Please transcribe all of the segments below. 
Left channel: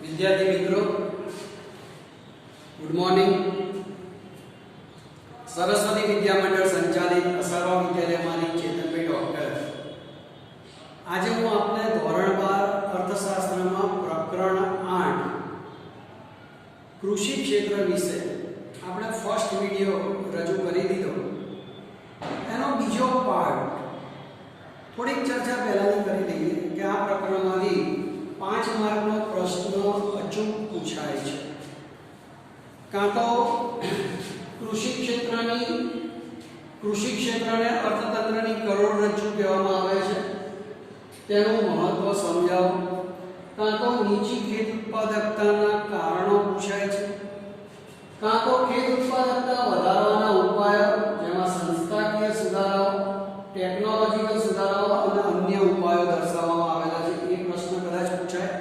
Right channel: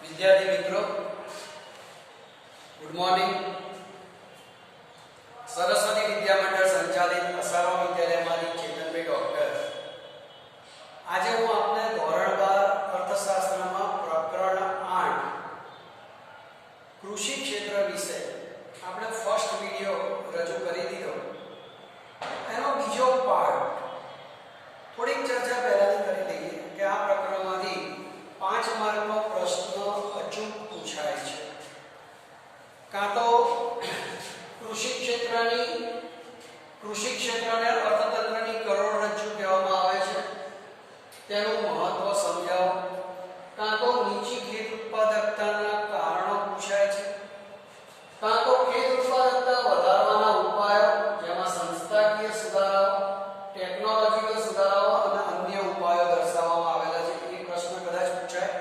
विद्यार्थी मित्रों, good morning. Saraswati Vidya मंडल संचालित असरवा विद्यालयमांथी चेतनभाई डॉक्टर। आज हूँ आपने धोरण 12 अर्थशास्त्रमां प्रकरण 8 कृषि क्षेत्र विषय આપણે ફર્સ્ટ વિડિયો રજૂ કરી દીધો। એનો બીજો પાર્ટ થોડીક ચર્ચા પહેલાની કરી દઈએ કે આ પ્રકરણમાંથી 5 માર્કનો પ્રશ્ન અચૂક પૂછાય છે। કાં તો કૃષિ ક્ષેત્રને અર્થતંત્રની કરોડરજ્જુ કહેવામાં આવે છે, તેનું મહત્વ સમજાવો। કાં તો નીચી ખેત ઉત્પાદકતાના કારણો પૂછાય છે, કાં તો ખેત ઉત્પાદકતા વધારવાના ઉપાયો, જેમાં સંસ્થાકીય સુધારાઓ, ટેકનોલોજીકલ સુધારાઓ અને અન્ય ઉપાયો દર્શાવવામાં આવેલા છે। એ પ્રશ્ન કદાચ પૂછાય।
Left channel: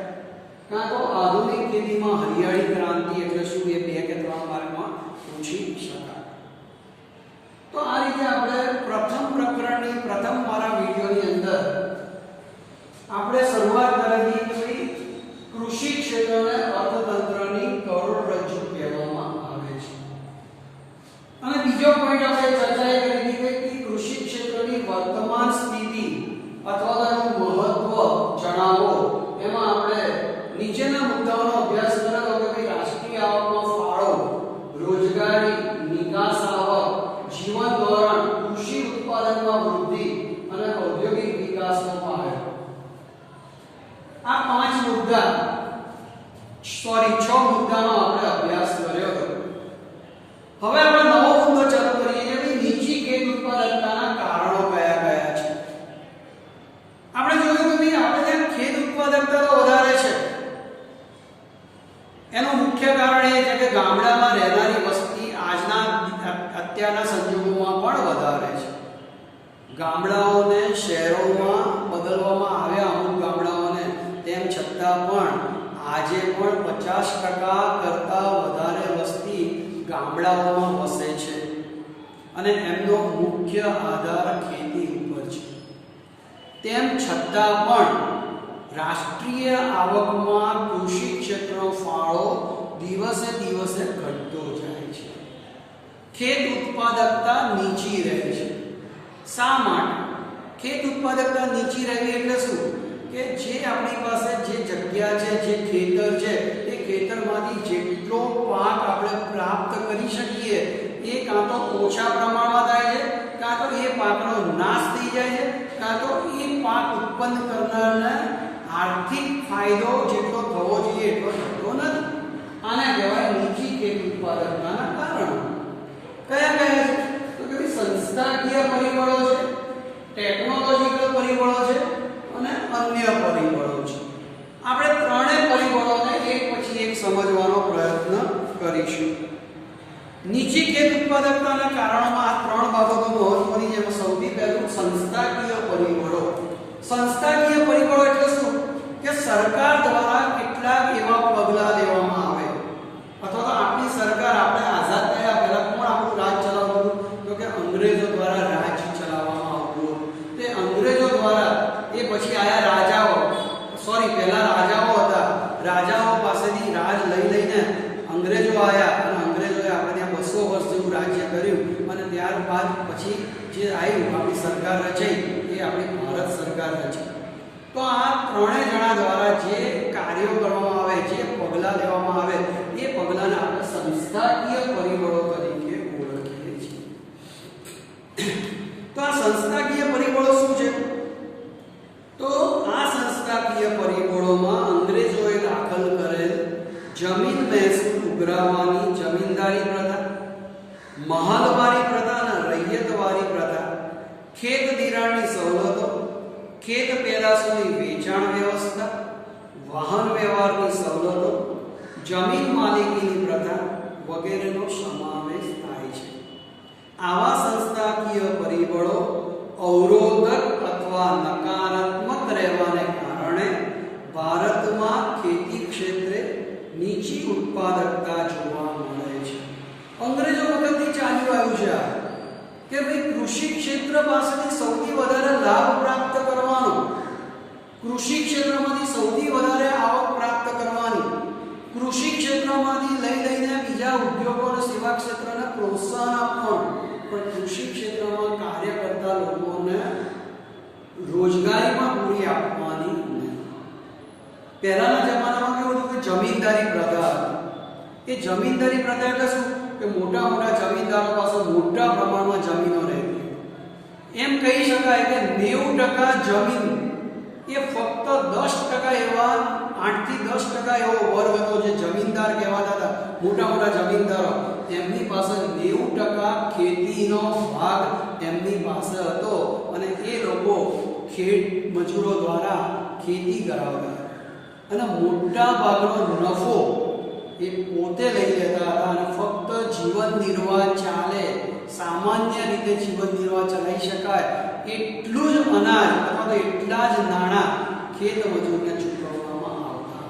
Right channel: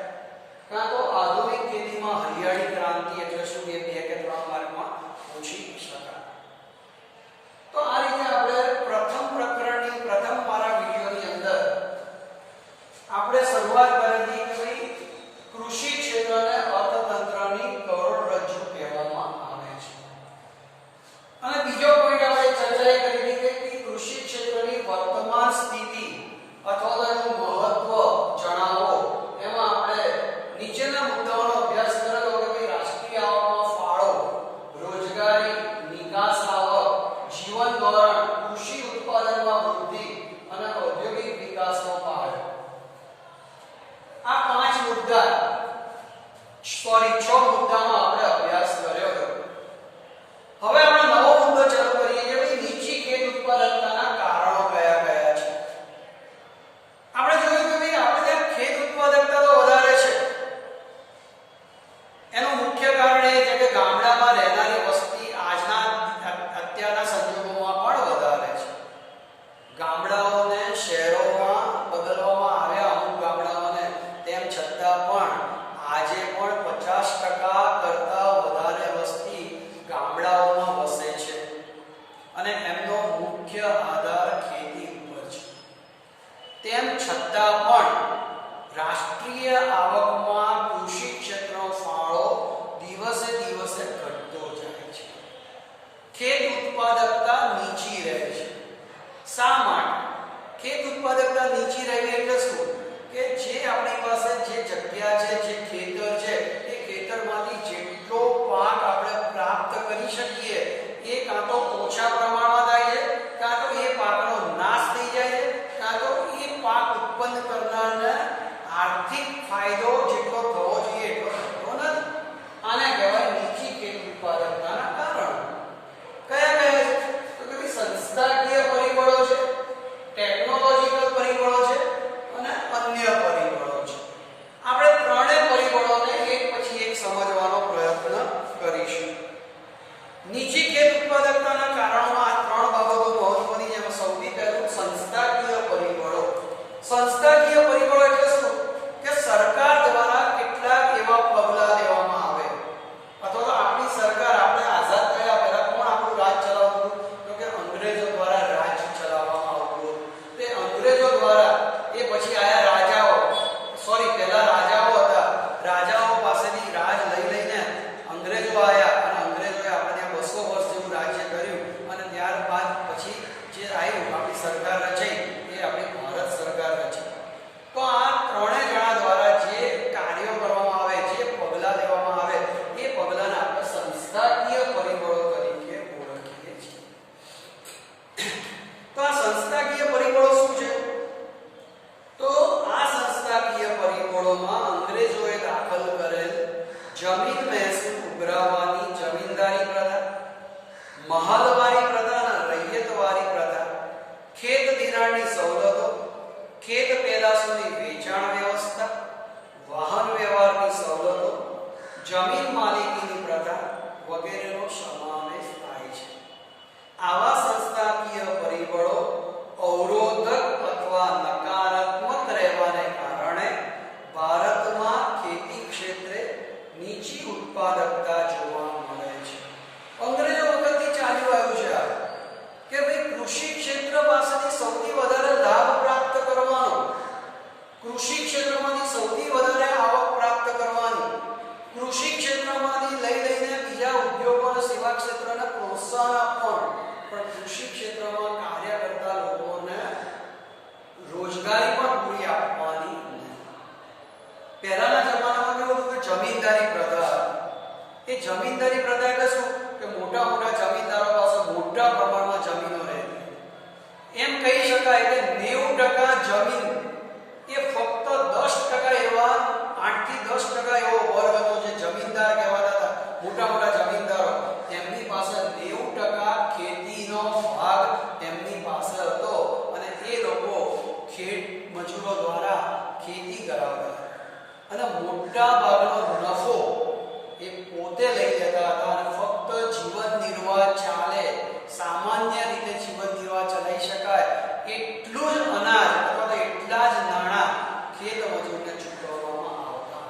કાં તો આધુનિક ખેતીમાં હરિયાળી ક્રાંતિ એટલે શું, એ 2 કે 3 માર્કમાં પૂછી શકાય। તો આ રીતે આપણે પ્રથમ પ્રકરણની પ્રથમ મારા વિડિયોની અંદર આપણે શરૂઆત કરેલી કે ભાઈ કૃષિ ક્ષેત્રને અર્થતંત્રની કરોડરજ્જુ કહેવામાં આવે છે। અને બીજો પોઈન્ટ આપણે ચર્ચા કરી હતી કે કૃષિ ક્ષેત્રની વર્તમાન સ્થિતિ અથવા તેનું મહત્વ જણાવો। એમાં આપણે નીચેના મુદ્દાઓનો અભ્યાસ કરેલો કે ભાઈ રાષ્ટ્રીય આવકનો ફાળો, રોજગારી, નિકાસ આવક, જીવન ધોરણ, કૃષિ ઉત્પાદનમાં વૃદ્ધિ અને ઔદ્યોગિક વિકાસનો પાયો। આ 5 મુદ્દા 6 મુદ્દાનો આપણે અભ્યાસ કર્યો હતો। હવે આપણે નવો મુદ્દો ચાલુ કરીએ કે ભાઈ નીચી ખેત ઉત્પાદકતાના કારણો કયા કયા છે। આપણે જોયું કે ભાઈ આપણે ત્યાં ખેત ઉત્પાદકતા તો વધારે છે, એનું મુખ્ય કારણ એ છે કે ગામડામાં રહેનારી વસ્તી અત્યારના સંજોગોમાં પણ વધારે છે। ગામડાઓને શહેરોમાં બદલવામાં આવ્યા, અમુક ગામડાઓને, તેમ છતાં પણ આજે પણ 50% કરતાં વધારે વસ્તી ગામડાઓમાં વસે છે અને એમનો મુખ્ય આધાર ખેતી ઉપર છે। તેમ છતાં પણ રાષ્ટ્રીય આવકમાં કૃષિ ક્ષેત્રનો ફાળો દિવસે દિવસે ઘટતો જાય છે। ખેત ઉત્પાદકતા નીચી રહે છે। શા માટે? ખેત ઉત્પાદકતા નીચી રહેવી એટલે શું કે જે આપણી પાસે જે જગ્યા છે, જે ખેતર છે, એ ખેતરમાંથી જેટલો પાક આપણે પ્રાપ્ત કરી શકીએ એ કાં તો ઓછા પ્રમાણમાં થાય છે, કાં તો એ પાકનો નાશ થઈ જાય છે, કાં તો એ પાક ઉત્પન્ન કરનારને આર્થિક ફાયદો જેટલો થવો જોઈએ એટલો થતો નથી। આને કહેવાય નીચી ખેત ઉત્પાદકતાના કારણો। કયા કયા છે? તો કે સંસ્થાકીય પરિબળો છે, ટેકનોલોજીકલ પરિબળો છે અને અન્ય પરિબળો છે। આપણે ત્રણેય પરિબળોને એક પછી એક સમજવાનો પ્રયત્ન કરીશું। નીચી ખેત ઉત્પાદકતાના કારણોમાં આ 3 બાબતો મહત્વની છે। સૌથી પહેલું સંસ્થાકીય પરિબળો। સંસ્થાકીય પરિબળો એટલે શું કે સરકાર દ્વારા કેટલાક એવા પગલાં લેવામાં આવે, અથવા તો આપણી સરકાર, આપણે આઝાદ થયા પહેલા કોણ આપણું રાજ ચલાવતું? તો કે અંગ્રેજો દ્વારા રાજ ચલાવવામાં આવતું। તે અંગ્રેજો દ્વારા એ પછી આયા રાજાઓ, પહેલા રાજાઓ હતા, રાજાઓ પાસેથી રાજ લઈને અંગ્રેજો આયા અને અંગ્રેજોએ આપણે ત્યાં 200 વર્ષ જેવું રાજ્ય કર્યું અને ત્યારબાદ પછી જે આવ્યું, આપણી સરકાર રચાઈ, એ આપણી ભારત સરકાર રચી। તો આ ત્રણેય જણા દ્વારા જે કાર્યો કરવામાં આવે, જે પગલાં લેવામાં આવે, એ પગલાંને આપણે સંસ્થાકીય પરિબળો તરીકે ઓળખીએ છીએ। તો આ સંસ્થાકીય પરિબળો શું છે? તો આ સંસ્થાકીય પરિબળોમાં અંગ્રેજોએ દાખલ કરેલ જમીન મહેસૂલ ઉઘરાવવાની જમીનદારી પ્રથા, મહલવારી પ્રથા અને રૈયતવારી પ્રથા, ખેત ધિરાણની સવલતો, ખેત પેદાશોની વેચાણ વ્યવસ્થા, વાહન વ્યવહારની સવલતો, જમીન માલિકીની પ્રથા વગેરેનો સમાવેશ થાય છે। આવા સંસ્થાકીય પરિબળો અવરોધક અથવા નકારાત્મક રહેવાને કારણે ભારતમાં ખેતી ક્ષેત્રે નીચી ઉત્પાદકતા જોવા મળે છે। અંગ્રેજો વખતથી ચાલ્યું આવ્યું છે કે ભાઈ કૃષિ ક્ષેત્ર પાસેથી સૌથી વધારે લાભ પ્રાપ્ત કરવાનો ક્ષેત્રને પ્રોત્સાહન આપવાનું, પણ કૃષિ ક્ષેત્રમાં કાર્ય કરતા લોકોને રોજગારી પણ પૂરી આપવાની નહીં. પહેલાના જમાનામાં કેવું હતું કે જમીનદારી પ્રથા હતી. એ જમીનદારી પ્રથા એટલે શું કે મોટા મોટા જમીનદારો પાસે મોટા પ્રમાણમાં જમીનો રહેતી. એમ કહી શકાય કે 90% જમીન એ ફક્ત 10% એવા 8 થી 10% એવો વર્ગ હતો જે જમીનદાર કહેવાતા હતા. મોટા મોટા જમીનદારો, એમની પાસે 90% ખેતીનો ભાગ એમની પાસે હતો અને એ લોકો ખેત મજૂરો દ્વારા ખેતી કરાવતા અને મોટા ભાગનો નફો એ પોતે લઈ લેતા હતા અને ફક્ત જીવન નિર્વાહ ચાલે, સામાન્ય રીતે જીવન નિર્વાહ ચલાવી શકાય એટલું જ અનાજ અથવા તો એટલા જ નાણાં ખેત મજૂરને ચૂકવવામાં આવતા.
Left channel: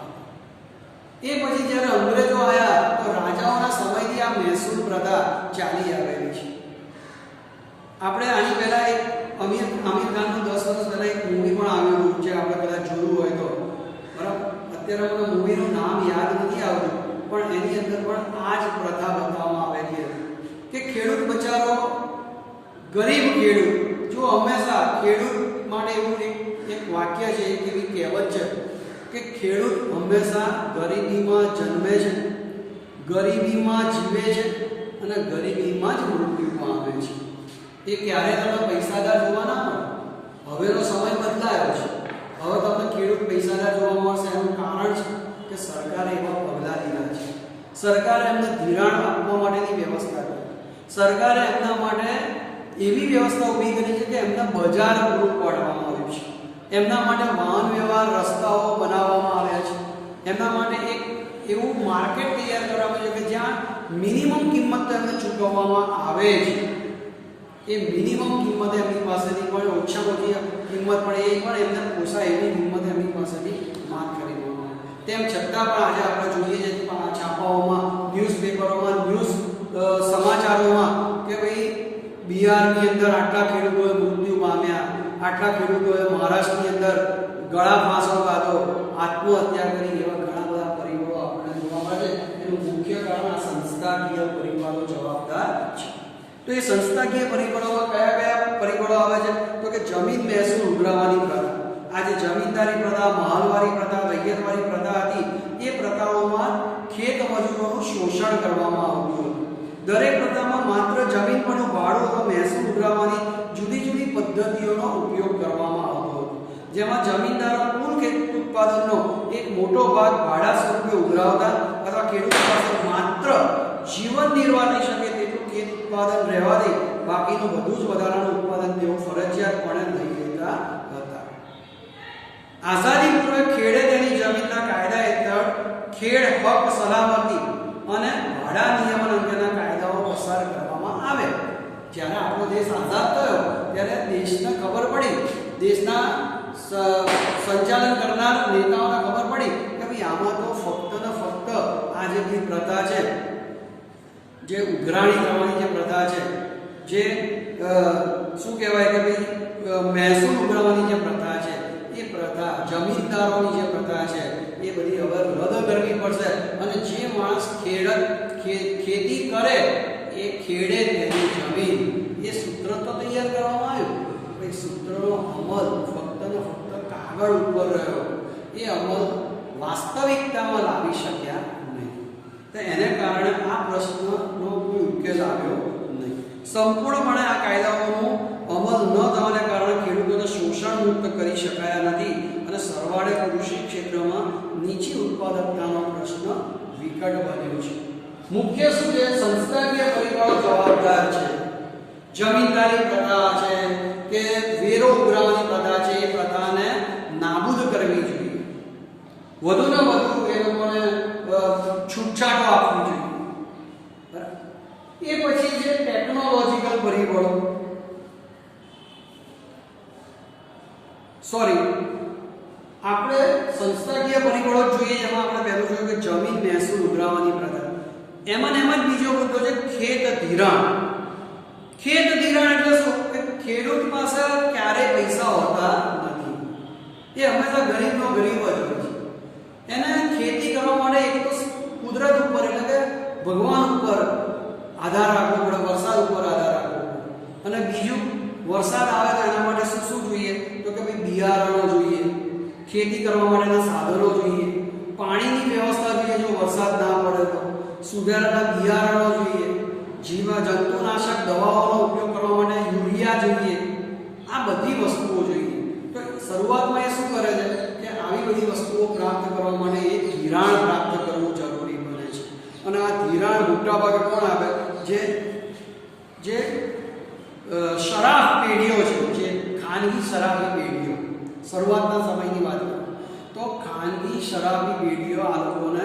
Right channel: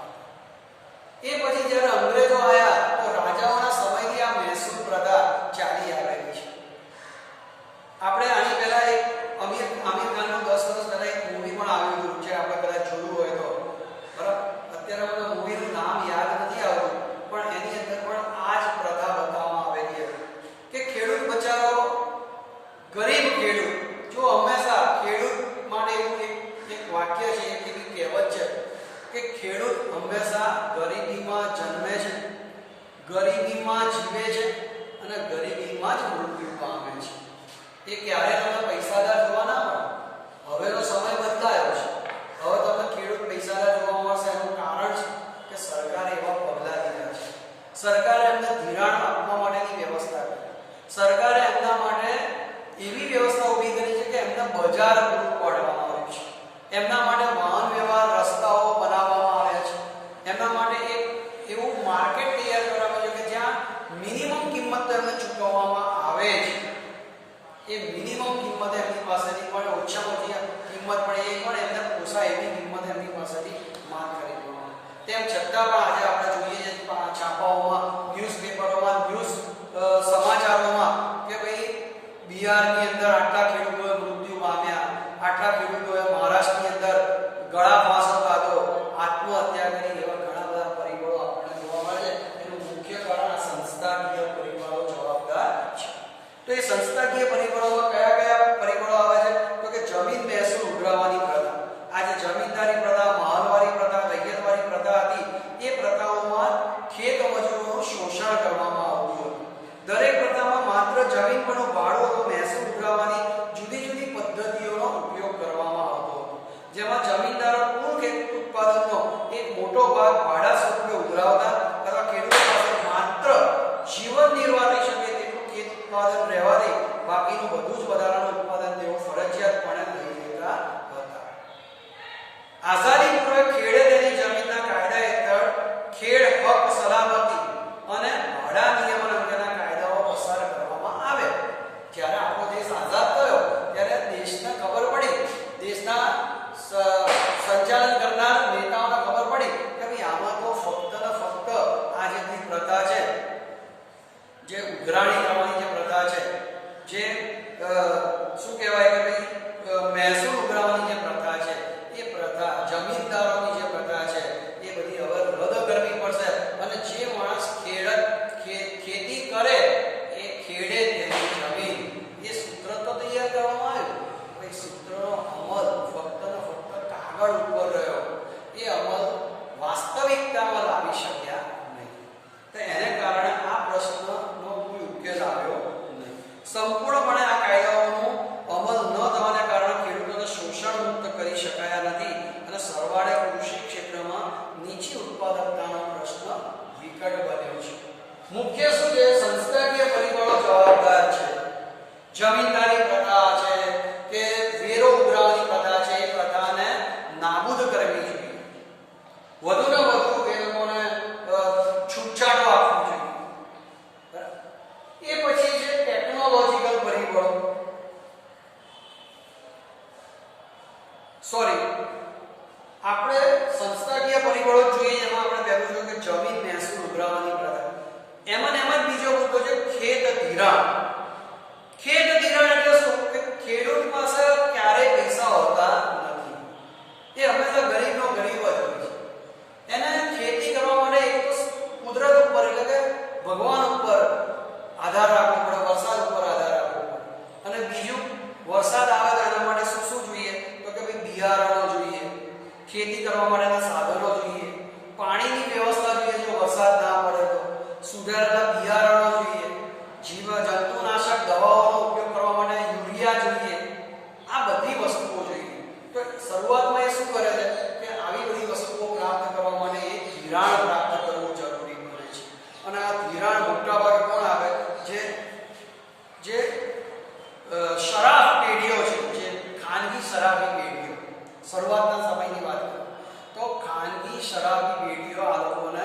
એ પછી જ્યારે અંગ્રેજો આવ્યા તો રાજાઓના સમયથી આ મહેસૂલ પ્રથા ચાલી આવેલી છે. આપણે આની પહેલા એક આમિર ખાનનું 10 વર્ષ પહેલા એક મૂવી પણ આવ્યું હતું જે આપણે કદાચ જોયું હોય તો, બરાબર. અત્યારે મને મૂવીનું નામ યાદ નથી આવતું, પણ એની અંદર પણ આ જ પ્રથા બતાવવામાં આવેલી હતી કે ખેડૂત બચારો, ગરીબ ખેડૂત, જો હંમેશા ખેડૂત માટે એવું એક વાક્ય છે, એક એવી કહેવત છે કે ખેડૂત હંમેશા ગરીબીમાં જન્મે છે, ગરીબીમાં જીવે છે અને ગરીબીમાં જ મૃત્યુ પામે છે. એ ક્યારે તમને પૈસાદાર જોવા ના મળે. હવેનો સમય બદલાયો છે. હવે તમને ખેડૂત પૈસાદાર જોવા મળશે. એનું કારણ છે કે સરકારે એવા પગલાં લીધા છે. સરકારે એમને ધિરાણ આપવા માટેની વ્યવસ્થા કરી. સરકારે એમના માટે એવી વ્યવસ્થા ઊભી કરી છે કે એમને બજાર પૂરું પાડવામાં આવ્યું છે. એમના માટે વાહન વ્યવહાર રસ્તાઓ બનાવવામાં આવ્યા છે. એમના માટે એક એવું માર્કેટ તૈયાર કરવામાં આવ્યું છે કે જ્યાં મિનિમમ કિંમત તેમને ચૂકવવામાં આવે છે. એ મિનિમમ કિંમત એમની પાસેથી પણ ઓછામાં ઓછી કિંમત પણ એ પણ એમને પોસાય એવી કિંમત એમની પાસેથી માંગ કરી દેવામાં. તેમ છતાં પણ આજે આપણે જોઈએ છીએ છાપાઓમાં, ન્યૂઝપેપરોમાં, સમાચારોમાં કે ભાઈ બિહારની અંદર આટલા ખેડૂતોએ મૃત્યુ પામ્યા, આટલા ખેડૂતોએ મહારાષ્ટ્રની અંદર ગળા ફાંસો ખાધો, આત્મહત્યા કરી, એવા ઘણા બધા પરિબળો આપણને જોવા મળે છે. એનું મુખ્ય કારણ આ સંસ્થાકીય પરિબળો જવાબદાર છે. તો એ સંસ્થાકીય પરિબળોમાં કયા કયા પરિબળો આવે છે? તો કે જમીન મહેસૂલ ઉઘરાવવાની પ્રથા. આ જે જમીનદારી પ્રથા, મહાલવારી પ્રથા, રૈયતવારી પ્રથા હતી, એ પ્રથાઓમાં ખેત મજૂરોનું શોષણ કરવામાં આવતું હતું. દરેક પ્રથામાં માત્ર જમીન પરનું ભાડું અથવા મહેસૂલ ઉઘરાવવાની જુદી જુદી પદ્ધતિઓનો ઉપયોગ કરવામાં આવતો હતો. જેમાં જમીનદારો કુલ ખેત ઉત્પાદનનો એક મોટો ભાગ ભાડા સ્વરૂપે ઉઘરાવતા અથવા ખેડૂતો પાસે માત્ર જીવન નિર્વાહ થઈ શકે તેટલું ખેત ઉત્પાદન રહેવા દે, બાકીનું બધું જ વધારાનું ઉત્પાદન તેઓ ફરજિયાતપણે લઈ લેતા હતા. આઝાદી પૂર્વે ખેડે તેની જમીનના કાયદા હેઠળ ખેડ હક, સલામતી અને ભાડા નિયમન અંગેના કાયદાઓ પસાર કરવામાં આવે. જ્યારે આપણો દેશ આઝાદ થયો ત્યારે દેશને ખબર પડી, દેશના સંચાલન કરનાર નેતાઓને ખબર પડી કે ભાઈ આમાં તો ફક્ત ને ફક્ત આ જે બધી પ્રથા છે, જે ઉઘરાણી કરવાની જે પ્રથા છે, જે શું કહેવાય કે ભાઈ મહેસૂલ ઉઘરાવવાની જે પ્રથા છે, એ પ્રથા, જમીનદારોની જે પ્રથા છે, એ બધી હવે રદ કરવી પડશે અને જે માણસ ખેતી કરે એ ખેડે તેની જમીન, એ સૂત્ર તો તૈયાર કરવામાં આવ્યું. એ સૂત્રનો અમલ ફક્ત ને ફક્ત કાગળ ઉપર રહ્યો. એ અમલ વાસ્તવિકતામાં લાવી શક્યા નહીં. તો એને કારણે આ પ્રશ્નનો કોઈ ઉકેલ આવ્યો નહીં. સંપૂર્ણપણે આ કાયદાઓનો અમલ ન થવાને કારણે ખેડૂતોને શોષણ મુક્ત કરી શકાયા નથી અને સરવાળે કૃષિ ક્ષેત્રમાં નીચી ઉત્પાદકતાનો પ્રશ્ન વિકટ બન્યો છે. મુખ્ય શું છે? સંસ્થાકીય પરિબળો જવાબદાર છે. જમીનદારી પ્રથા છે કે વેરો ઉઘરાવવાની પ્રથા છે, એ પ્રથાને નાબૂદ કરવી જોઈએ. વધુને વધુ એ લોકોને છૂટછાટો આપવી જોઈએ. બરાબર. એ પછી છે ટેકનોલોજીકલ પરિબળો. આપણે સંસ્થાકીય પરિબળો જોઈએ. એમાં આપણે પહેલું જોયું કે જમીન મહેસૂલ ઉઘરાવવાની પ્રથા. એમાં બીજો મુદ્દો છે ખેત ધિરાણ. ખેત ધિરાણ એટલે શું? કે ખેડૂત પાસે ક્યારેય પૈસા હોતા નથી. એ હંમેશા ગરીબનો ગરીબ જ હોય છે. એને ખેતી કરવા માટે એક તો કુદરત ઉપર એટલે કે ભગવાન ઉપર આધાર બિયારણો જોઈએ, ખેતી કરવા માટેના સાધનો જોઈએ, પાણીની વ્યવસ્થા જોઈએ જો વરસાદ ના પડે તો, સુધારેલા બિયારણો જોઈએ, જંતુનાશક દવાઓનો ઉપયોગ કરવા માટે યુરિયા જોઈએ, આ બધી વસ્તુઓ જોઈએ. તો શરૂઆતમાં એ શું કરે છે કે આવી બધી વસ્તુઓ પ્રાપ્ત કરવા માટે એક ધિરાણ પ્રાપ્ત કરવું જરૂરી બને છે. અને આ ધિરાણ મોટા ભાગે કોણ આપે? જે શરાફ પેઢીઓ છે, જે ખાનગી શરાબી પેઢીઓ. શરૂઆતના સમયની વાત કરું તો ખાનગી શરાબી પેઢીઓ આ લોકોને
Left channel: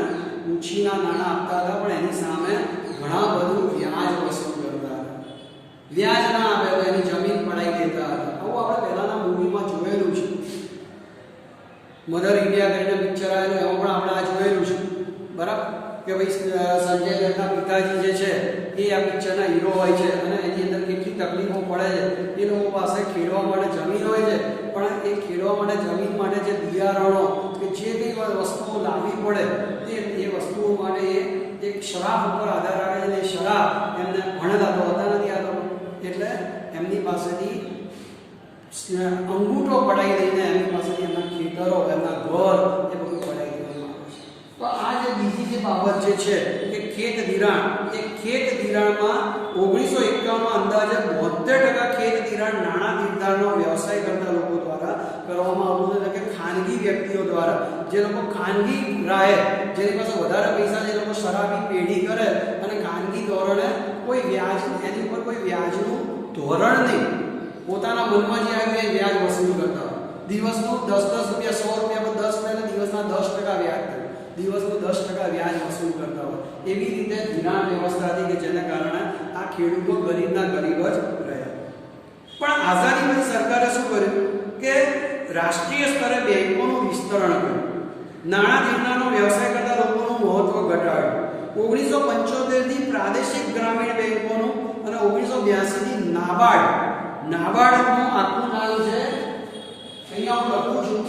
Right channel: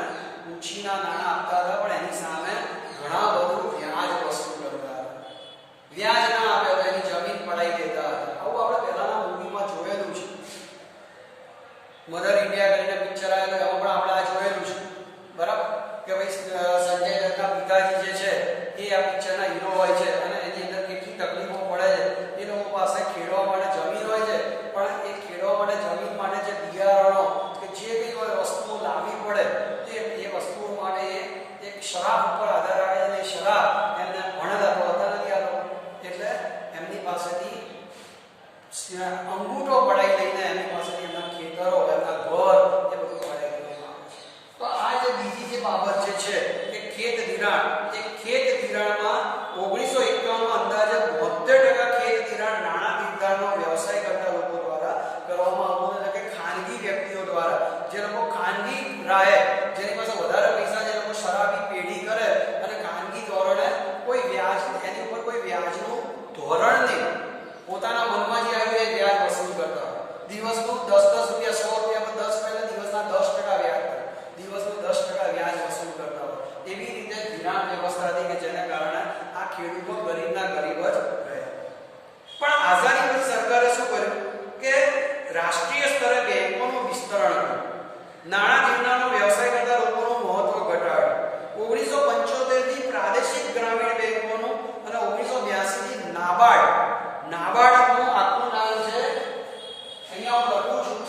ઉછીના નાણાં આપતા હતા, પણ એની સામે ઘણા બધું વ્યાજ વસૂલ કરતા હતા. વ્યાજ ના આપે તો એની જમીન પડાઈ દેતા હતા. આવું આપણે પહેલાના મૂવીમાં જોયેલું છે. મધર ઇન્ડિયા કરીને પિક્ચર આવેલું, એમાં પણ આપણે આ જોયેલું છે. બરાબર કે ભાઈ સંજય દત્તના પિતાજી જે છે એ આ પિક્ચરના હીરો હોય છે અને એની અંદર કેટલી તકલીફો પડે છે. એ લોકો પાસે ખેડવા માટે જમીન હોય છે, પણ એ ખેડવા માટે જમીન માટે જે બિયારણો કે જે કંઈ વસ્તુઓ લાવવી પડે એ વસ્તુઓ માટે એક શરાબ ઉપર આધાર રાખે છે. એ શરાબ એમને ભણેલા તો હોતા નથી આ લોકો, એટલે એમની પાસેથી અંગૂઠો પડાઈ લઈને એમની પાસેથી એમના ખેતરો, એમના ઘર એ બધું પડાઈ દેવામાં આવે છે. તો આ જે બીજી જે બાબત જે છે કે ખેત ધિરાણ, એ ખેત ધિરાણમાં 1951માં અંદાજે 72% ખેત ધિરાણ નાણાં નિર્ધારણનો વ્યવસાય કરતા લોકો દ્વારા કરવામાં આવતું, એટલે કે ખાનગી વ્યક્તિઓ દ્વારા. જે લોકો ખાનગી રાહે, જેની પાસે વધારે પૈસા, જે લોકો શરાબી પેઢી કરે અને ખાનગી ધોરણે કોઈ વ્યાજ, એની ઉપર કોઈ વ્યાજનું ધોરણ નહીં, પોતાના મનમાં જે આવે એ વ્યાજ વસૂલ કરતા હોય. દિવસનું 10-10 રૂપિયા, 100 રૂપિયા પર 10 રૂપિયા, દિવસના 10% વ્યાજ થાય, દિવસનું 10% વ્યાજ વસૂલ કરતા હોય. એવી રીતે ધિરાણ વ્યવસ્થા હતી કે જેના કારણે આ ખેડૂતો ગરીબના ગરીબ જ રહ્યા. પણ આઝાદી પછી સરકારે શું કર્યું કે રાષ્ટ્રીય સ્તરે બેંકોનું વિસ્તરણ કર્યું, નાણાં નિર્માણનો વ્યવસાય કરતા લોકોનું મહત્વ ઘટાડ્યું. 1975 થી પ્રાદેશિક ગ્રામીણ બેંકોનું અને 1982 થી નાબાર્ડનું આખું નામ છે, અહીંયા હું લખું છું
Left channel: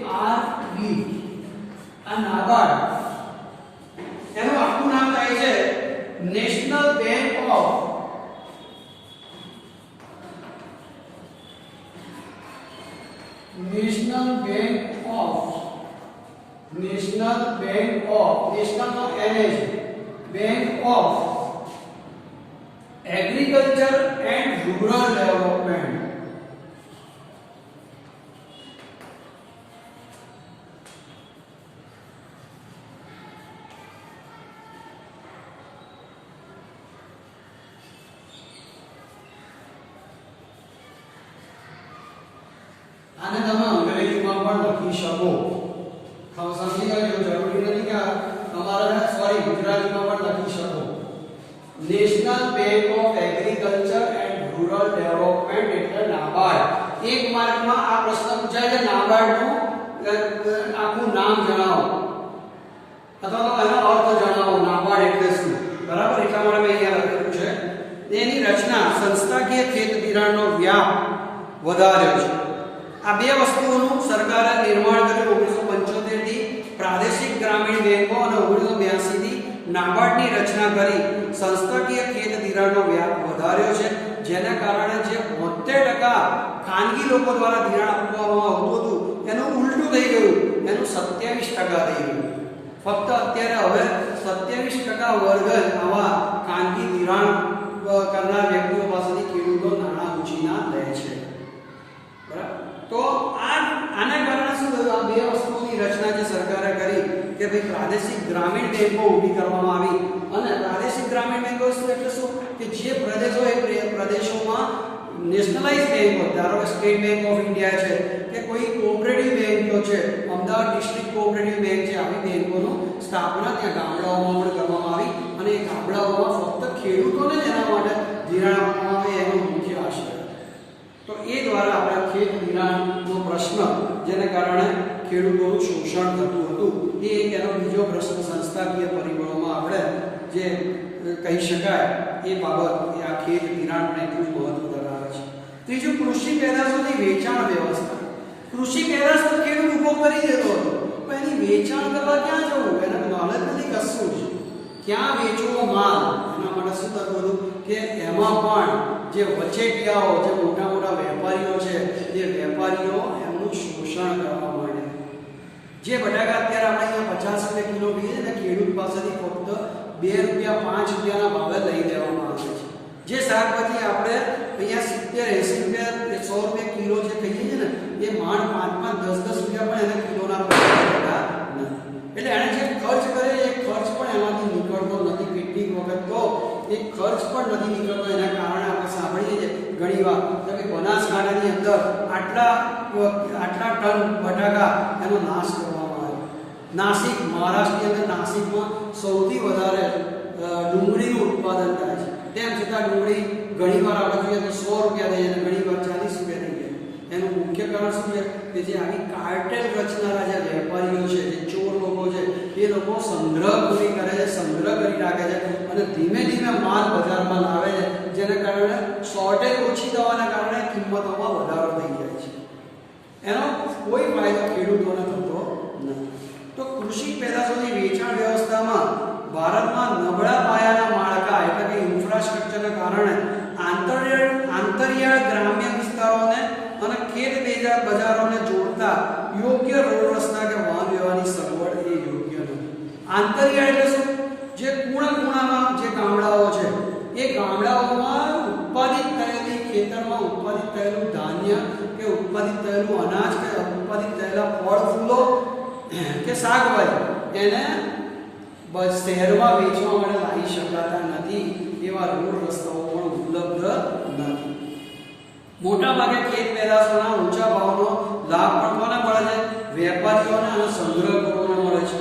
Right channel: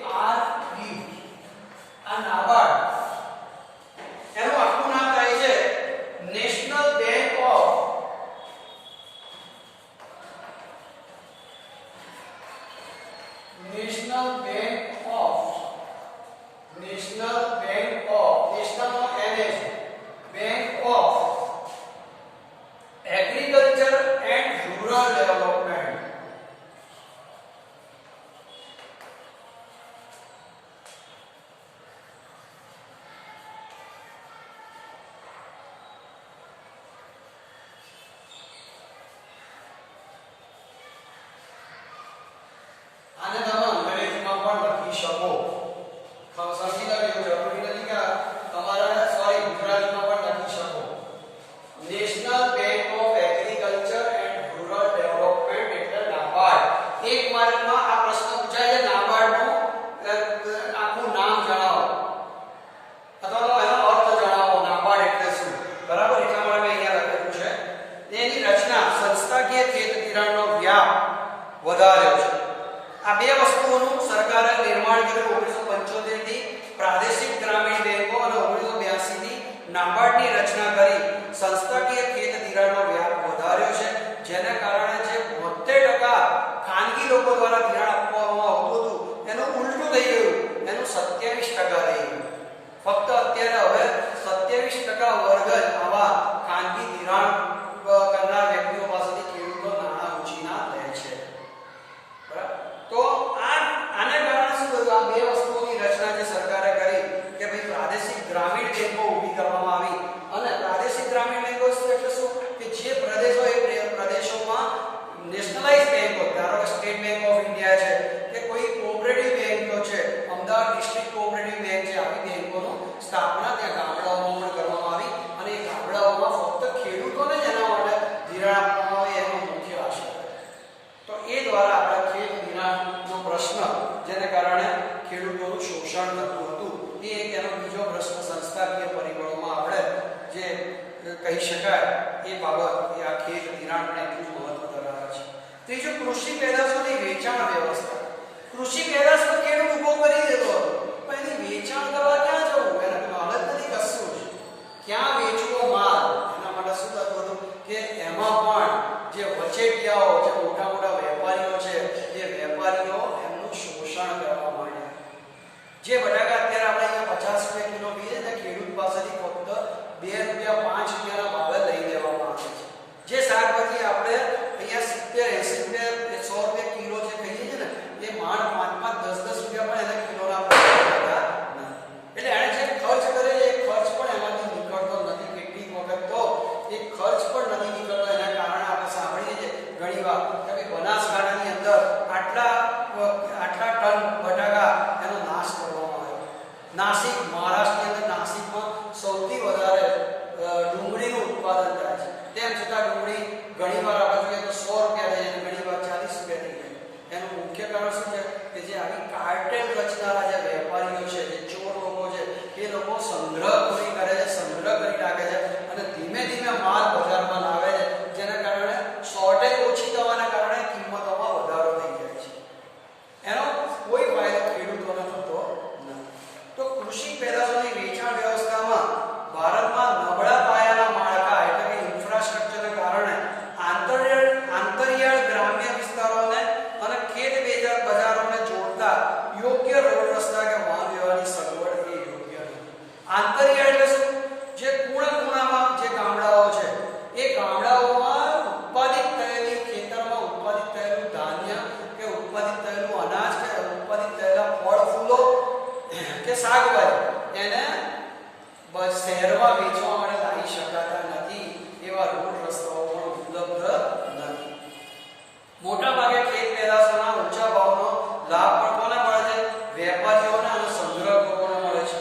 NABARD. આ નાબાર્ડ એનું આખું નામ થાય છે national bank of national bank of agriculture and rural development. આને તમે અંગ્રેજીમાં પણ લખી શકો. સમજી લેજો, જરૂરી નથી કે તમારે સોરી ગુજરાતીમાં પણ લખી શકો. National bank of agriculture and rural development એટલે નાબાર્ડ. એક માર્કમાં આ પ્રશ્ન પૂછાય છે, નાબાર્ડનું આખું નામ જણાવો અથવા તો એનો અર્થ જણાવો. નાબાર્ડ એટલે શું? બરાબર, એટલા માટે મેં અહીંયા લખેલું છે. એની રચના સંસ્થાકીય ખેત ધિરાણનો વ્યાપ વધાર્યો છે. આ બે વસ્તુઓનું સરકારે નિર્માણ કર્યું 1975 થી પ્રાદેશિક ગ્રામીણ બેંકો અને 1982 થી નાબાર્ડની રચના કરી સંસ્થાકીય ખેત ધિરાણનો વ્યાપ વધાર્યો છે, જેના કારણે જે 72% ખાનગી લોકો દ્વારા ધિરાણ આપવામાં આવતું હતું એનું ઉલટું થઈ ગયું, એનું 27% થઈ ગયું. ફક્ત અત્યારે હવે 27% વર્ગ જ આવા ખાનગી ધિરાણ કરનાર વ્યક્તિઓ પાસેથી ખેડૂતો નાણાં ઉછીના લે છે. બરાબર, તો આને કારણે શું થયું? આ બે વસ્તુઓની રચના જે સરકારે કરી કે ભાઈ પ્રાદેશિક ગ્રામીણ બેંકો ઊભી કરવામાં આવી. અને પ્રાદેશિક ગ્રામીણ બેંકો એટલે શું કે જે પ્રદેશો એ પ્રદેશોમાં નેશનલાઇઝ બેંકો, ધારો કે સ્ટેટ બેંક ઓફ ઇન્ડિયા છે કે કોઈ કોઓપરેટિવ બેંકો છે, અમદાવાદ ડિસ્ટ્રિક્ટ કોઓપરેટિવ બેંક છે, આવી બેંકોનું સ્થાપના ત્યાં ગામડાઓમાં પણ કરવામાં આવી. અને એ ગામડાઓમાં ફક્ત ખેડૂતોને જ એના માટે ધિરાણ આપવામાં આવે એનો મુખ્ય આશય. તો એ દ્વારા આપણા ખેત ધિરાણનો પ્રશ્ન, જેને કારણે ખેડૂતોનું શોષણ થતું હતું, એ એક એનો બીજો પ્રશ્ન સંસ્થાકીય પરિબળોમાં આપણે જે કહી શકાય એ બાબત, એ આ ખેત ધિરાણ પણ એટલું મહત્વ ધરાવે છે. ત્રીજું, કૃષિ પેદાશોની વેચાણ વ્યવસ્થા. કૃષિ પેદાશો ખેડૂત ઉભો કરી દેતો હતો, પણ એની વેચાણ કરવા ક્યાં જવું? એના નોલેજ નથી કશું જ. ક્યાં વેચવો માલ? એના માટે શું થતું હતું? કે એમાં પણ જે વચેટિયાઓ, જે મોટા મોટા વેપારીઓ છે, એ વેપારીઓ એમનું શોષણ કરવા માંડ્યા. જે બટાકા અત્યારે આપણે અહીંયા 50 રૂપિયા કિલો કહીએ ને, ખેડૂત પાસેથી ફક્ત 2 રૂપિયા 5 રૂપિયાના ભાવે લઈ લેવામાં આવે છે. જે શાકભાજી આપણે અહીંયા 70 80 રૂપિયા 100 રૂપિયા કિલો જે કહીએ છીએ ને, એ માંડ 5 10 રૂપિયા પણ એને કિલોના ભાવે નથી. એટલે એને જે ખર્ચ કરે એ ખર્ચ પણ એમાંથી નીકળતો નથી. કેટલીક વખત તો એ ખર્ચ પણ નથી નીકળતો. એના કારણે આપણે સાંભળીએ છીએ ઘણીવાર કે બનાસકાંઠાની અંદર આટલા ટન બટાકા એનો નાશ કરવામાં આવ્યો. નાસિક, મહારાષ્ટ્રની અંદર નાસિકમાં સૌથી વધારે ડુંગળીનું ઉત્પાદન થાય છે. તેમ છતાં ડુંગળી ઘણીવાર આપણે જોઈએ તો 100 રૂપિયા થઈ જાય, ઘણીવાર 40 રૂપિયા થઈ જાય. એનું મુખ્ય કારણ શું છે કે જે આવી કાર્ટેલ રચનારા જે વેપારીઓ છે, જે ચોર લોકો છે, એ લોકો સંગ્રહ પૂરી કરે છે, સંગ્રહ કરી રાખે છે અને ધીમે ધીમે માલ બજારમાં લાવે છે, જેના કારણે શોર્ટેજ ઓછી થવાના કારણે કિંમતોમાં વધારો થઈ જાય છે. એનો કોઈ ફાયદો ખેડૂતોને થતો નથી. તો કૃષિ પેદાશોની વેચાણ વ્યવસ્થામાં ભારતમાં નબળા પાયાના માળખા એટલે કે ઇન્ફ્રાસ્ટ્રક્ચરને કારણે આંતરિયાળ ગ્રામ્ય વિસ્તારોને અને ખેત બજારોને જોડતા યોગ્ય રોડ રસ્તા કે વાહન વ્યવહારની સગવડ એ યોગ્ય નથી. આંતરિયાળ એટલે શું? જે ખૂણામાં જે ગામડાઓ છે, એ ગામડાઓમાં ઉત્પાદિત થયેલી, ખેતરમાં ઉત્પાદિત થયેલું ધાન્ય કે ઉત્પાદિત થયેલું અનાજ કે ઉત્પાદિત થયેલા ફળ ફૂલો કે શાકભાજી એને શહેરમાં વેચવા માટે લાવી શકાતા નથી. એવા રોડ રસ્તાઓ પણ ઉપલબ્ધ નથી. મોટા ભાગે ખેત પેદાશોના ઊંચા ભાવનો લાભ પણ કોને મળે છે? વેપારીઓને અને સંગ્રહકોને મળે છે.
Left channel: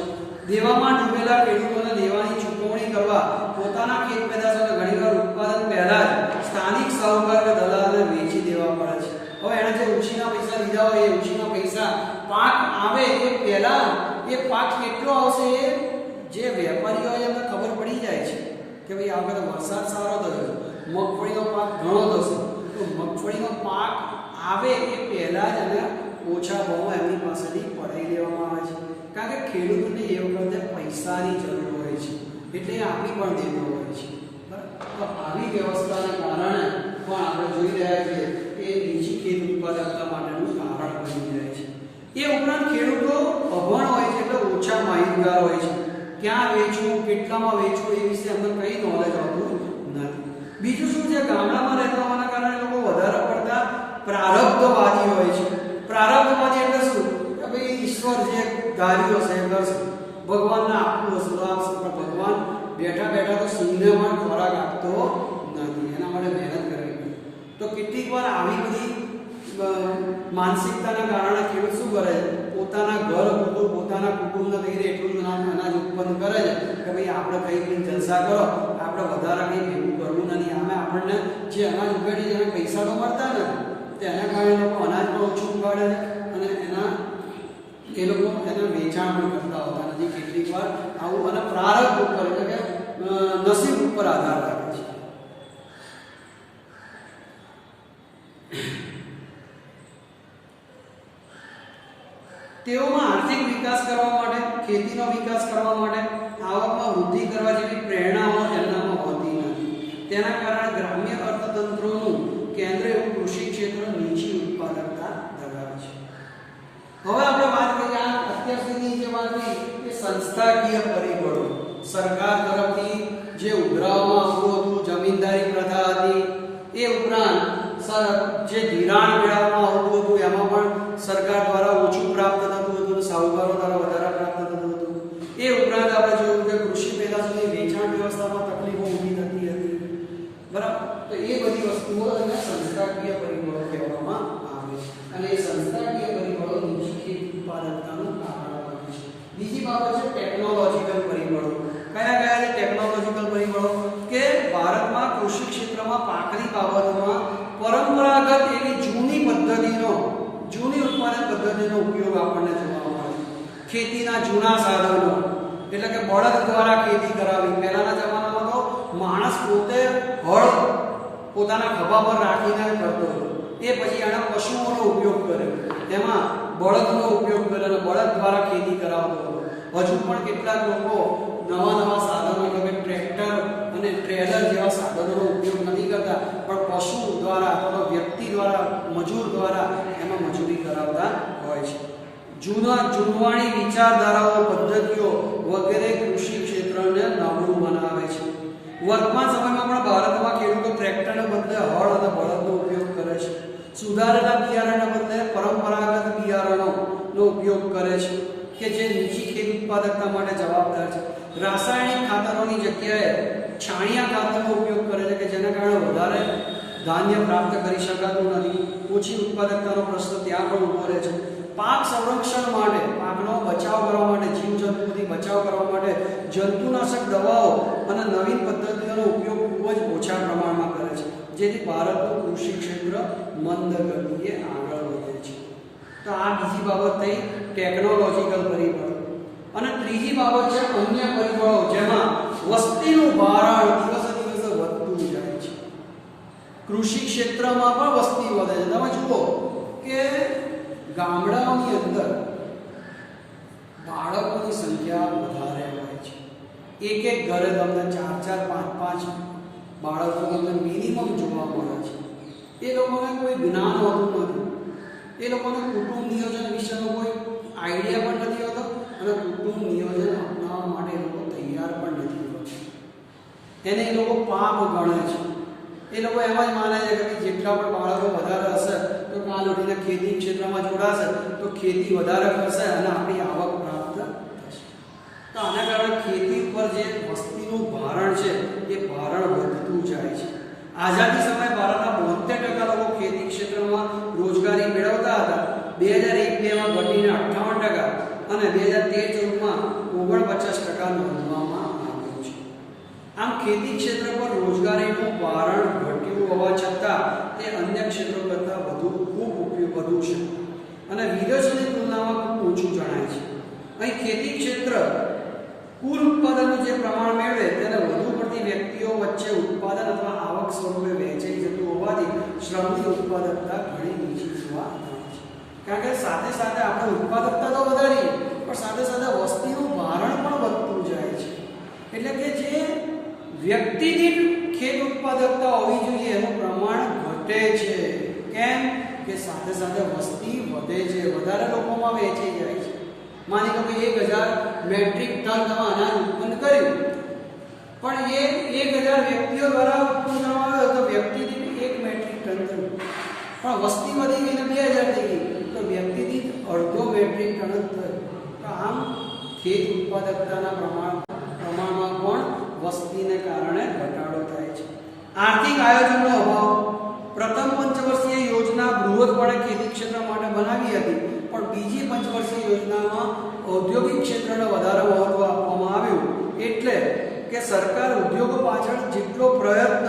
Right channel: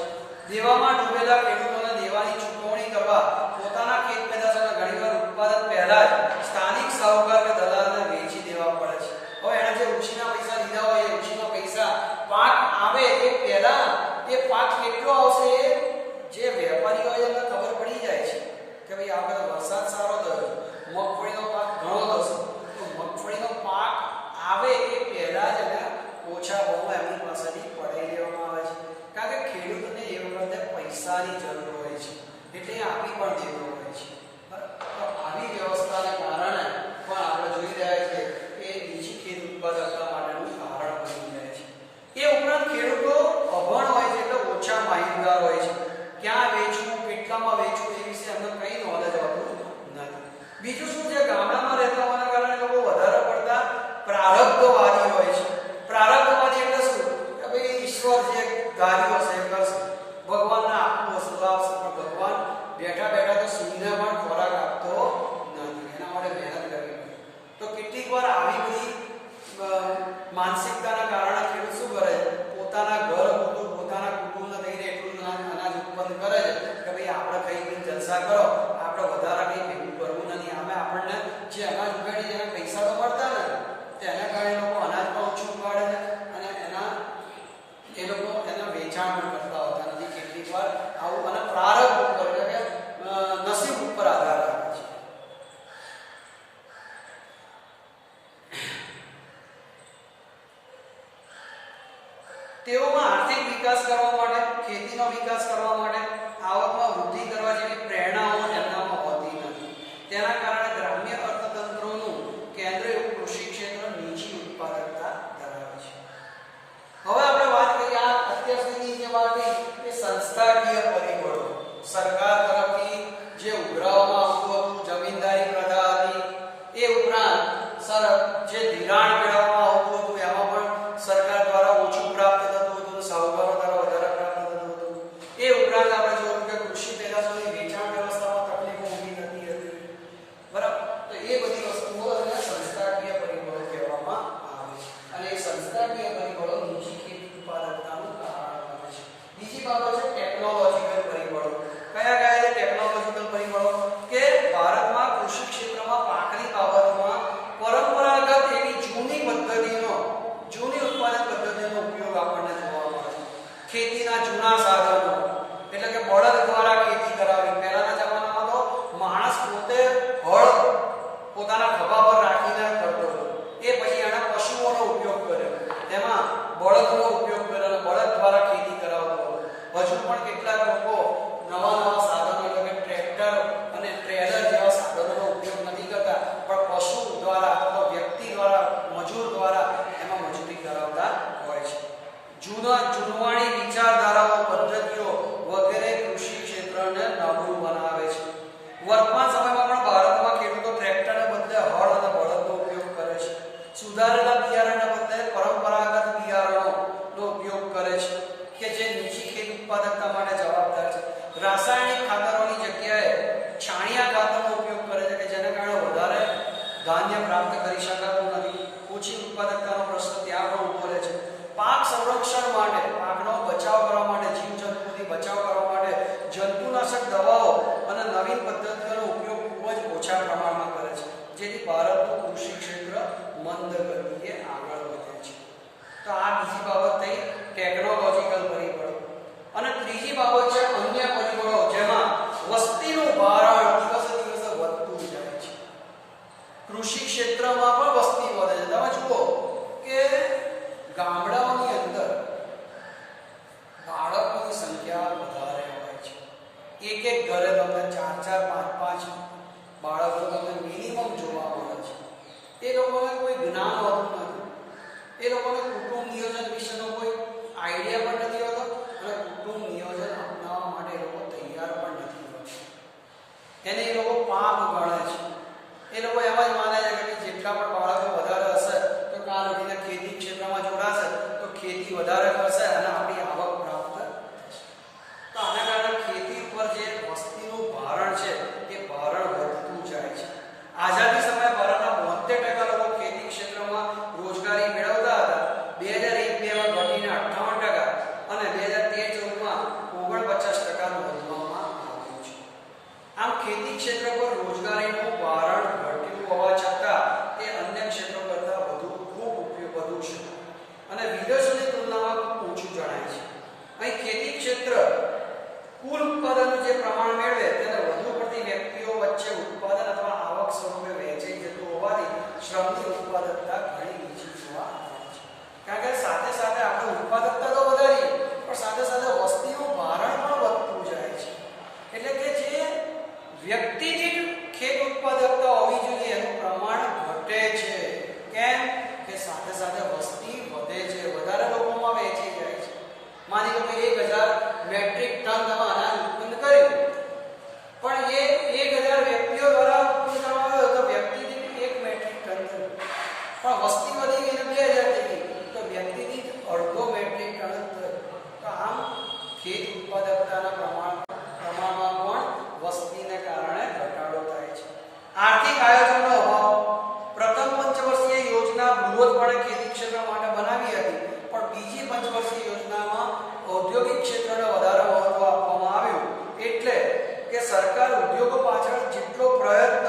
દેવામાં ડૂબેલા ખેડૂતોને દેવાની ચૂકવણી કરવા પોતાના ખેત પેદાશોને ઘણીવાર ઉત્પાદન પહેલા જ સ્થાનિક સાહુકાર કે દલાલને વેચી દેવા પડે છે. હવે એણે જે ઉછીના પૈસા લીધા હોય, એ ઉછીના પૈસા પાક આવે એ પહેલા એ પાક કેટલો આવશે એ જે વેપારીઓ હોય એમને ખબર પડી જાય છે કે ભાઈ આ વખતે વરસાદ સારો થયો, મગફળીનો પાક ઘણો થશે. તો મગફળીનો પાક આવે એ પહેલા જ એને ઓછા ભાવમાં એમની પાસેથી પડાવી દેવામાં આવે છે. કારણ કે ખેડૂતોને એ વખતે પૈસાની જરૂર હોય છે, એટલે એ આપી પણ દેતો હોય છે. તો આવી વ્યવસ્થાને કારણે પણ આપણે જોઈ રહ્યા છીએ કે નીચી ખેત ઉત્પાદકતા માટેનું કારણ બની જાય છે. એ ઉપરાંત ખેડૂતો અભણ હોય છે, એટલે ઓછા માહિતગાર હોય છે. ક્યાં વેચવું, કેટલામાં વેચવું એ વિશે અમને કઈ નોલેજ હોતું નથી. બીજું શું છે, ગામડામાં રહેતા હોવાના કારણે લોકો વધારે પડતા પ્રારબ્ધવાદી હોય છે. પ્રારબ્ધવાદી એટલે શું કે ભાઈ ઈશ્વર જે ધાર્યું હશે એ કરશે, ભગવાનને આપવું હશે તો આપશે, પણ ભગવાન બેઠા બેઠા તો સિંહને પણ ખોરાક આપતો નથી, એના માટે મહેનત કરવી પડે. તો કેટલીક વાર આવી બધી માનસિકતાના કારણે ખેડૂત શું કરે છે, પોતાના ઘર પૂરતું, પોતાના કુટુંબને થઈ રહે એટલું જ અનાજ ઉત્પન્ન કરે છે કે ભાઈ આપણે કઈ જલસા કરો, આપણે વધારે કંઈ ભેગું કરવું નથી. આમે આપણને જે અનાજ ઉગાડીએ એને પૈસા તો મળતા નથી, એના કારણે લોકો અનાજ પણ ઓછું ઉગાડે છે અને એ લોકો એને વેચાણ પણ કરતા હોતા નથી. કેટલીક વાર આવું અને પ્રારબ્ધ ઉપર એટલે કે નસીબ ઉપર આધાર રાખે છે. તેઓમાં આર્થિક વિકાસ કરવા માટે, ખેતીનો વિકાસ કરવા માટે, આવકમાં વૃદ્ધિ કરવા જેવી પ્રેરણાઓ એમનામાં હોતી નથી. તેના કારણે ગ્રામ્ય અર્થતંત્રોનું કેન્દ્ર એવું કૃષિ ક્ષેત્ર નીચી ઉત્પાદકતા ધરાવે છે. હવે આપણે વાત કરીએ આ અત્યાર સુધી જે વાત કરી એ સંસ્થાકીય પરિબળો, સરકાર તરફથી જે ઉઘરાવવામાં આવતું હતું, જમીનદારી પ્રથા હતી, એ ઉપરાંત જે ધિરાણ મેળવવામાં આવતું હતું એમાં પણ સરકાર દ્વારા ઓછું પ્રાપ્ત થતું હતું, સાહુકારો દ્વારા વધારે પ્રાપ્ત થતું હતું. એ ઉપરાંત આપણે જોયું કે કૃષિ પેદાશોની વેચાણ વ્યવસ્થામાં તકલીફો ઊભી થતી હતી, બરાબર. તો એ બધી વસ્તુઓ અને સંસ્થાકીય પરિબળો કહેવામાં આવે છે અને એ સંસ્થાકીય પરિબળો નીચી ખેત ઉત્પાદકતાનું કારણ બને છે. બીજી બાબત છે ટેકનોલોજીકલ પરિબળો. કયા કયા છે ટેકનોલોજીકલ પરિબળો? કે ભારતમાં કૃષિ ક્ષેત્રમાં પાકની બાબતમાં પરંપરાગત એવી જૂની ઉત્પાદન પદ્ધતિનો ઉપયોગ આપણને જોવા મળે છે. ખેતીના જૂના સાધનો એટલે કે બળદ દ્વારા ખેતી કરાવી. પહેલાના જમાનામાં તો માણસ પોતે હળ પોતાના ખભા પર રાખીને કરતો હતો, એ પછી આના પશુઓનો ઉપયોગ કર્યો, એમાં બળદનો ઉપયોગ કર્યો અને બળદ દ્વારા ખેતી કરાવતો હતો. હજુ પણ કેટલાક લોકો નવા સાધનો એટલે કે ટ્રેક્ટર અને ટ્રેલર જેવા સાધનોનો ઉપયોગ નથી કરતા, પણ પશુ દ્વારા અથવા વ્યક્તિ દ્વારા, મજૂર દ્વારા એમાં મજૂરી કરાવતા હોય છે. જૂનવાણી વિચારધારાઓ, પદ્ધતિઓ વગેરે કૃષિ ક્ષેત્રને નબળું બનાવે છે. વર્તમાન સમયમાં પણ ભારતમાં ખેડૂતો ટ્રેક્ટરને બદલે હળ અને બળદનો ઉપયોગ કરે છે. સુધારેલા બિયારણને બદલે પરંપરાગત બિયારણોનો ઉપયોગ કરે છે કે જે નીચી ખેત ઉત્પાદકતા માટે જવાબદાર છે. રાસાયણિક ખાતરોની જગ્યાએ છાણિયા ખાતરનો ઉપયોગ કરે છે કે જેના કારણે વધારે ધાન્ય પ્રાપ્ત કરી શકાતું નથી. ઓછી ઉત્પાદકતાનો પ્રશ્ન ત્યાં પણ ઊભો રહે છે. પાક સંરક્ષણ માટે, પાકનો બચાવ કરવા માટે, જીવજંતુઓથી બચાવ કરવા માટે જંતુનાશક દવાઓ અને નવીન પદ્ધતિઓનો ઉપયોગ ખૂબ જ ઓછા પ્રમાણમાં કરે છે, જેથી ભારતનું કૃષિ ક્ષેત્ર મંદ ગતિએ આગળ વધે છે. તો આ બીજી બાબત થઈ ટેકનોલોજીકલ પરિબળો. અને ત્રીજી બાબત છે અન્ય પરિબળો, જેમાં વસ્તીનું ભારણ દિવસે દિવસે વધતું જાય છે. કૃષિ ક્ષેત્રમાં પણ વસ્તી વધે છે. તમે જુઓ કે ગામડાઓની અંદર બાળકોની સંખ્યા વધારે હોય છે. એક એક ઘરે તમને 4-4, 5-5 બાળકો તમને મિનિમમ જોવા મળે છે. એ લોકોને કોઈ જ્ઞાન હોતું નથી. એ લોકોને કુટુંબ નિયોજન વિશેનો કોઈ આઈડિયા પણ નથી હોતો અને કુટુંબ નિયોજન અપનાવવા માટે એ લોકો તૈયાર પણ નથી હોતા. એને એ લોકો પાપ ગણે છે. એ લોકો એમ જ માને છે કે જેટલા પણ બાળકો વધારે હશે તો કાલ ઉઠીને ખેતી ક્ષેત્રમાં જોડાશે તો ખેતી વધારે કરશે અને આપણી આવક પ્રાપ્ત થશે. તો આના કારણે ખેતી પર જે વસ્તીનું ભારણ છે એ ભારણ વધતું જાય છે. આઝાદી સમયે ભારતના 72% લોકો ખેતી ક્ષેત્રમાં રોજગારી મેળવતા હતા. 2001-2માં ઘટીને 58% અને 2013-14માં 49% નોંધવામાં આવ્યું છે. આમ ખેતી ક્ષેત્ર પર રોજગારીનું ભારણ ઘટ્યું હોવા છતાં તે અન્ય ક્ષેત્રો કરતાં ખૂબ વધુ છે અને વિદેશોની તુલનામાં ખૂબ ઓછું જણાય છે. અહીં ખેતી ક્ષેત્ર કુલ ઉત્પાદનનું જે પ્રમાણ મેળવે તેને વધુ પડતી વ્યક્તિઓ વચ્ચે ઉત્પાદન અથવા આવક સ્વરૂપે વહેંચાઈ જતું હોવાથી શ્રમની ઉત્પાદકતા ઘણી નીચી જોવા મળે છે. કારણ કે સાથે સાથે આપણે ઉત્પાદકતા તો વધારીએ પણ સાથે સાથે વસ્તીનું ભારણ પણ વધતું જાય છે. એટલે કે જે વ્યક્તિ દીઠ ખેત ઉત્પાદકતા હોવી જોઈએ એનું પ્રમાણ ઘટે છે. કેમ કે સાથે સાથે વસ્તી વધે છે, વધારે લોકોમાં વહેંચાઈ જાય છે. માની લો કે 1000 મેટ્રિક ટન તમે અનાજ ઉત્પન્ન કર્યું, પણ એ 1000 વ્યક્તિઓ દ્વારા ઉત્પન્ન કરવામાં આવ્યો તો વ્યક્તિ દીઠ 1 મેટ્રિક ટન થયું. પણ વસ્તી વધી ગઈને 2000 થઈ ગઈ તો વ્યક્તિ દીઠ અડધો મેટ્રિક ટન જ થયું. તો આમ ખેત ઉત્પાદકતાના પ્રમાણમાં પણ વસ્તીને કારણે ઘટાડો થાય છે. આર્થિક આયોજનનો અભાવ. પ્રથમ પંચવર્ષીય યોજના બૃહદપણે ખેતી ક્ષેત્ર માટે બનાવી હતી, પણ બીજી પંચવર્ષીય યોજનામાં ઔદ્યોગિક ક્ષેત્રને વધારે મહત્વ આપવામાં આવ્યું. એટલે કે સરકાર ઉદ્યોગો પાછળ જેટલો પ્રયત્ન,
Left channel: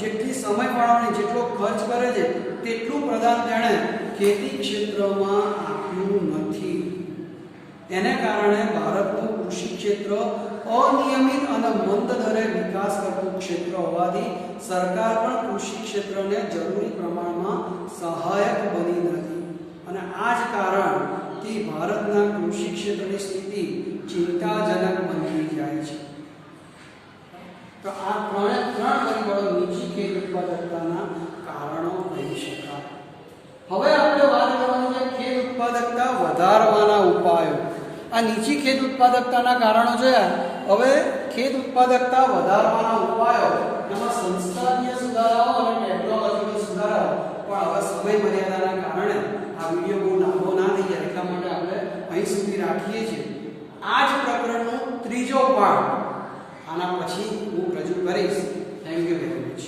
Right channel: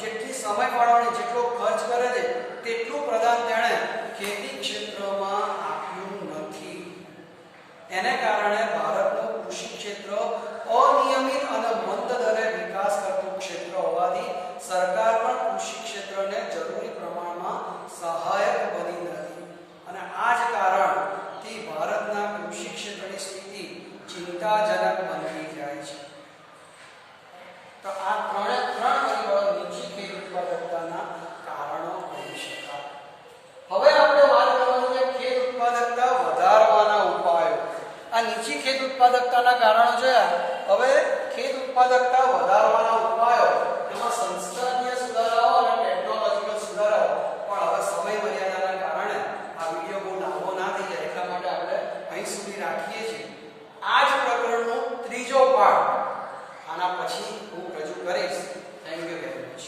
જેટલી સમય ફાળવણી, જેટલો ખર્ચ કરે છે તેટલું પ્રદાન તેણે ખેતી ક્ષેત્રમાં આપ્યું નથી. એને કારણે ભારતનું કૃષિ ક્ષેત્ર અનિયમિત અને મંદ દરે વિકાસ કરતું ક્ષેત્ર હોવાથી સરકાર પણ કૃષિ ક્ષેત્રને જરૂરી પ્રમાણમાં સહાયક બની નથી. અને આ જ કારણથી ભારતના કૃષિ ક્ષેત્રની સ્થિતિ ચિંતાજનક બનતી જાય છે. તો આ ત્રણ પરિબળો નીચી ખેત ઉત્પાદકતાના કારણો કહી શકાય. હવે આપણે વાત કરવાનું છે ખેત ઉત્પાદકતા વધારવાના ઉપાયો. આ નીચી ખેત ઉત્પાદકતાના કારણો છે. હવે ખેત ઉત્પાદકતા વધારવાના ઉપાયો, એમાં સંસ્થાકીય સુધારાઓ અને ટેકનોલોજીકલ સુધારાઓ. પણ હવે સમય મર્યાદાના કારણે આ વિડીયો બહુ લાંબો ના થઈ જાય એટલા માટે આપણે અહીં સુધી રાખીએ છીએ. આ જ પ્રકરણનો ત્રીજો પાઠ આના પછી હું રજૂ કરીશ. Thank you very much.